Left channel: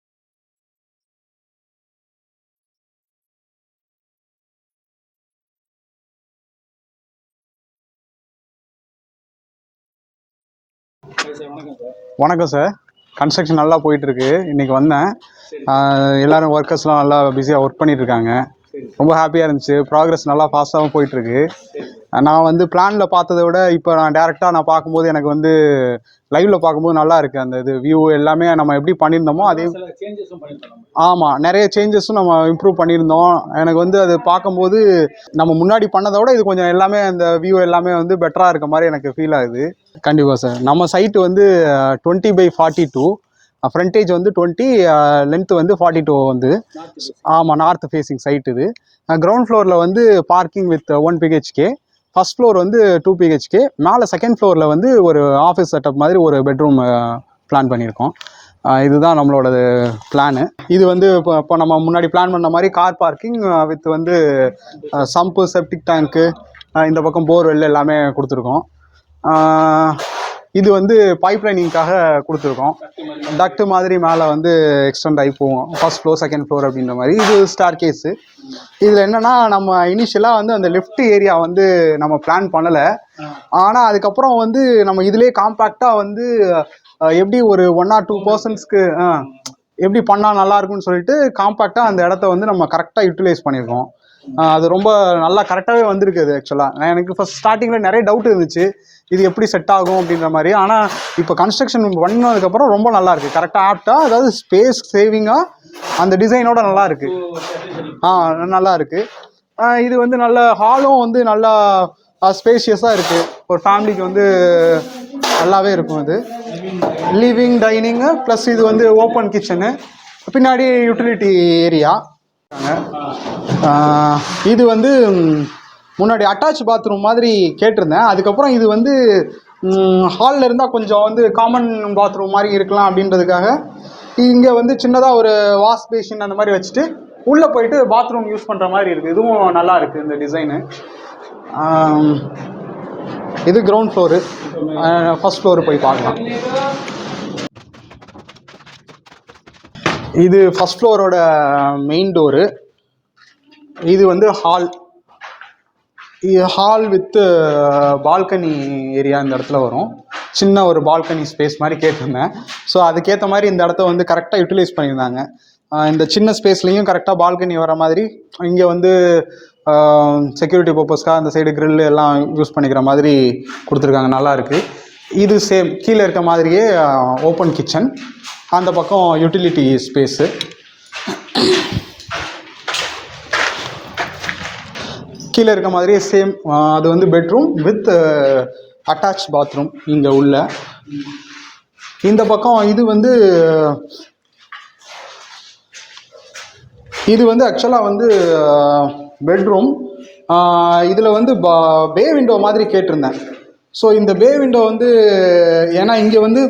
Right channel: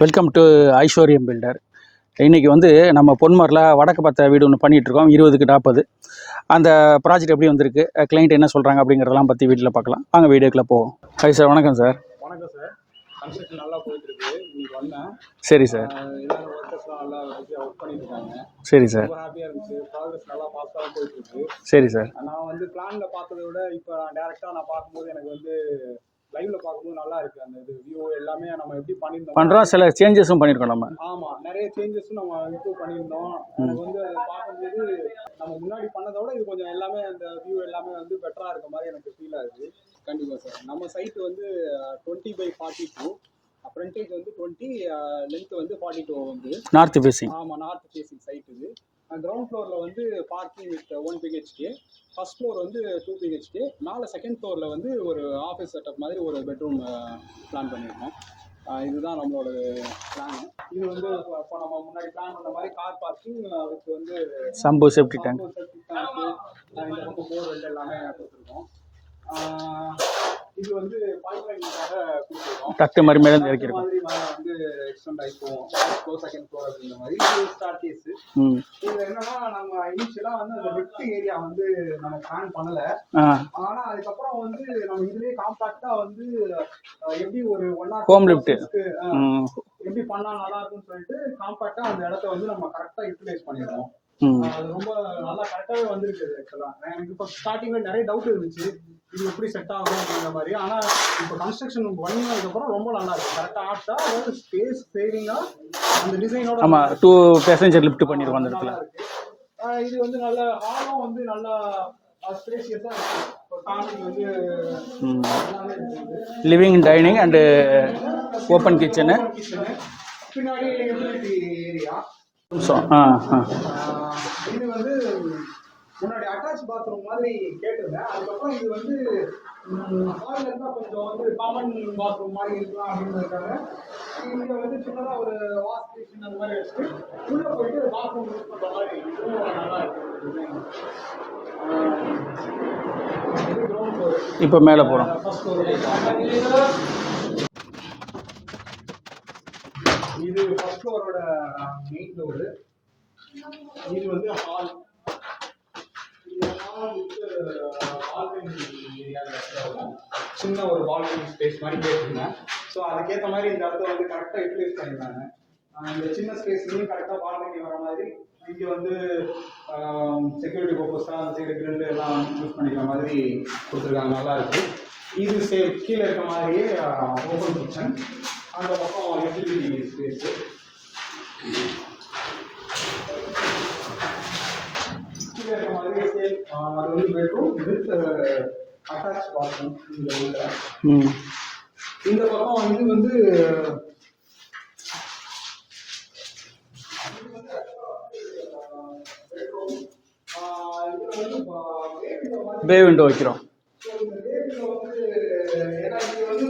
Welcome to ஐஸ்வர்யம் filter. இன்றைக்கி வந்து நம்ம பொன்மரில் வடக்கு பார்த்த வீடு ஒன்று பண்ணிகிட்ருக்கோம். 20க்கு 40. அந்த ப்ராஜெக்ட் எப்படி வந்திருக்கு, கிளைண்ட் என்ன சொல்கிறாங்க அப்படிங்கிறதெல்லாம் பற்றி வீட்டில் பார்க்கலாம். வாங்க வீடியோக்குள்ளே போவோம். ஹாய் சார், வணக்கம் சார். வணக்கம் சார். கன்ஸ்ட்ரக்ஷன் நல்லா போயிட்டுருக்கு. இன்றைக்கி வந்தேன். சரி சார். எல்லோரும் ஒர்க்கர்ஸ்லாம் நல்லா பிஸியாக ஒர்க் பண்ணிகிட்ருக்காங்க. சரி சார். ரொம்ப ஹாப்பியாக இருந்துச்சு. ப்ராக்ரஸ் நல்லா ஃபாஸ்ட்டாகவும் போயிட்டுருக்கு. சரி சார். நான் வந்து பிளானில் பார்த்ததை விட இப்போ நான் டேரெக்டாக பார்க்கும்போது எனக்கு வந்து லைவ்ல பார்க்கும்போது நல்லா இருக்கு. அந்த இது வியூ எல்லாமே நம்ம எப்படி பண்ணியிருந்தோமோ சில சேஞ்சஸும் பண்ணியிருக்கோம் நம்ம. ஆமாம், நிறைய சேஞ்சஸும் நம்ம இம்ப்ரூவ் பண்ணியிருந்தோம். எனக்கு வந்து அது பார்க்கும்போது நம்ம முன்னாடி பண்ணதை விட இது கொஞ்சம் எல்லாமே அந்த வியூ எல்லாமே வந்து பெட்டராக இருக்க மாதிரி எனக்கு ஃபீல் ஆகுது. கண்டிப்பாக சார். நம்ம சைட்டு வந்து 20/42, ஃப்ரண்டேஜ் வந்து 20, லென்த் வந்து 42 வந்து நார்த் ஃபேஸிங். ஆமாம், நார்த் ஃபேஸிங் சைட் இது. கிரவுண்ட் ஃப்ளோரில் வந்து parking with 1 BHK, first floor வந்து 2 BHK, மேலே செகண்ட் ஃப்ளோரில் வந்து ஒரு ஆஃபீஸ் செட்டப் மாதிரி ஒரு பெட்ரூம் பிளான் பண்ணியிருக்கோம். இதுதான் நம்மளோட பிளானு. இது வந்து இப்போ நம்ம முன்னாடி பிளான் பண்ண மாதிரி கார் பார்க்கிங் வித் வந்து சம்பு செப்டிக் டேங்க்கு, இந்த பக்கம் போர்வெல் எல்லாமே கொடுத்துருக்கோம். இது வந்து பைப் லைனிங்காக கொடுத்துருக்கோம். டக்ட் மாதிரி மேலே வந்து எக்ஸ்டெண்ட் ஆகி போவோம். ஃபர்ஸ்ட் ஃப்ளோர் செகண்ட் ஃப்ளோர் அப்படின்ற மாதிரி. இது ஸ்டார் கேஸு. இதில் என்னென்னா, நம்ம இனிஷியலாக வந்து அந்த லெஃப்ட் ஏரியா வந்து நம்ம பிளான் பண்ணலை. ஆனால் அதுக்கப்புறம் வந்து நம்ம இதுலேயே காம்பேக்டாக வந்து எப்படி ஒரு 1 or 2 பர்சன்ஸ்க்கு எப்படி பண்ணால் நல்லா இருக்கும்னு சொல்லிட்டு காம்பேக்டாக அந்த இடத்த வந்து நம்ம கரெக்டாக யூட்டிலைஸ் பண்ணியிருக்கோம். அது ரொம்ப நல்லா கரெக்டாகவே வந்திருக்கு. அது ஆக்சுவலாக எனக்கு ஃபர்ஸ்ட் ஸ்டார்டிங்கில் நிறைய டவுட் இருந்துச்சு, இது எப்படி செட் ஆகும் அப்படின்ற மாதிரி. ஆனால் இப்போ கன்ஸ்ட்ரக்ஷன் பண்ணதுக்கப்புறம் ரொம்ப நல்லா இருக்குது. கரெக்டாக ஆப்டாக, அதாவது ஸ்பேஸ் சேவிங்காக அந்த டிசைனோட நல்லா இருக்கு. 2 பேசஞ்சர் லிஃப்ட் நல்லா இருக்கு. இது வந்து நல்ல ஹாலும் வந்து நல்லா ஸ்பேஷியஸாக இருக்கு. ஒரு ஃபேமிலிக்கு வந்து நல்லாவே இருக்கும். அது லிவிங் டைனிங் ப்ளஸ் இது வந்து ஓப்பன் கிச்சனு, பின்னாடி யூட்டிலிட்டி ஏரியா. இது வந்து முன்னாடி அட்டாச் பாத்ரூம் மாதிரி கேட்டிருந்தேன். அதுக்கப்புறம் இது வந்து ஹாலில் இருந்தால் கொஞ்சம் வந்து காமன் பாத்ரூம் மாதிரி இருக்கலாம் அப்படின்றதுக்காக இங்கே வந்து சின்னதாக ஒரு வாஷ் பேஷன் அந்த மாதிரி வச்சுட்டு உள்ளே போயிட்டு பாத்ரூம் யூஸ் பண்ணுற மாதிரி இருக்குது. இதுவும் நல்லா இருக்குது இந்த டிசைனு. இது கிரவுண்ட் ஃப்ளோரு. இப்போ மேலே ஃபர்ஸ்ட் ஃப்ளோரு போய் பார்க்கலாம். இது ஃபர்ஸ்ட் ஃப்ளோரோட மெயின் டோரு. இது வந்து ஹால் வித் பால்கனி ஏரியா இந்த இடத்துல வரும். சின்ன ஒரு பால்கனி ஸ்பேஸ் மாதிரி கேட்டிருந்தேன். ஸோ அதுக்கேற்ற மாதிரி இந்த இடத்த வந்து கரெக்டாக யூட்டிலைஸ் பண்ணியிருந்தாங்க. இந்த சின்ன ஸ்பேஸ்லேயும் கரெக்டாக பால்கனி வர மாதிரி இங்கே வந்து செக்யூரிட்டி பர்பஸ்க்காக அந்த சைடு கிரில் எல்லாம் யூஸ் பண்ணிக்கிற மாதிரி கொடுத்துருக்காங்க. நல்லாயிருக்கு. இது சேம் கீழே இருக்க மாதிரியே ஓப்பன் கிச்சன், அந்த பக்கம் யூட்டிலிட்டி ஸ்பேஸு. கீழே இருக்க மாதிரியே சேம், அது வந்து பெட்ரூம் வித் அட்டாச் பாத்ரூம் இங்கே உள்ள. இந்த பக்கம் இது வந்து ஆக்சுவலாக வந்து பெட்ரூம். இதில் வந்து பே விண்டோ மாதிரி வைக்கிறோம். ஸோ இந்த பே விண்டோ வந்து ஏன்னா இங்கே வந்து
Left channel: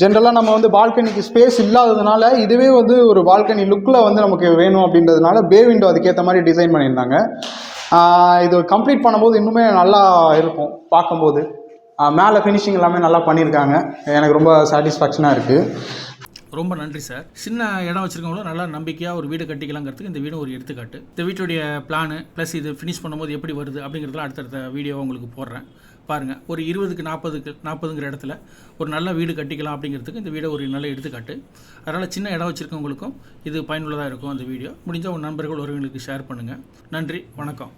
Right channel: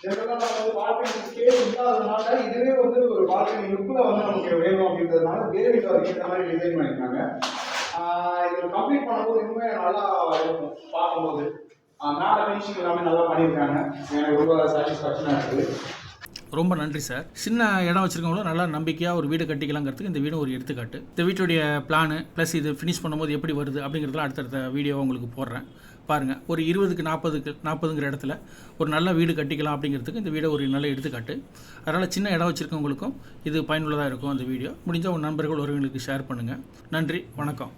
ஜென்ரலாக நம்ம வந்து பால்கனிக்கு ஸ்பேஸ் இல்லாததுனால இதுவே வந்து ஒரு பால்கனி லுக்கில் வந்து நமக்கு வேணும் அப்படின்றதுனால பே விண்டோ அதுக்கேற்ற மாதிரி டிசைன் பண்ணியிருந்தாங்க. இது கம்ப்ளீட் பண்ணும்போது இன்னுமே நல்லா இருக்கும் பார்க்கும்போது. மேலே ஃபினிஷிங் எல்லாமே நல்லா பண்ணியிருக்காங்க. எனக்கு ரொம்ப சாட்டிஸ்ஃபேக்ஷனாக இருக்குது. ரொம்ப நன்றி சார். சின்ன இடம் வச்சுருக்கவங்களும் நல்லா நம்பிக்கையாக ஒரு வீடு கட்டிக்கலாங்கிறதுக்கு இந்த வீடு ஒரு எடுத்துக்காட்டு. இந்த வீட்டுடைய பிளானு ப்ளஸ் இது ஃபினிஷ் பண்ணும்போது எப்படி வருது அப்படிங்கிறதுலாம் அடுத்தடுத்த வீடியோ உங்களுக்கு போடுறேன், பாருங்கள். ஒரு 20க்கு 40ங்கிற இடத்துல ஒரு நல்ல வீடு கட்டிக்கலாம் அப்படிங்கிறதுக்கு இந்த வீடியோ ஒரு நல்ல எடுத்துக்காட்டு. அதனால் சின்ன இடம் வச்சுருக்கவங்களுக்கும் இது பயனுள்ளதாக இருக்கும். அந்த வீடியோ முடிஞ்சால் உங்கள் நண்பர்கள் ஒருவங்களுக்கு ஷேர் பண்ணுங்கள். நன்றி, வணக்கம்.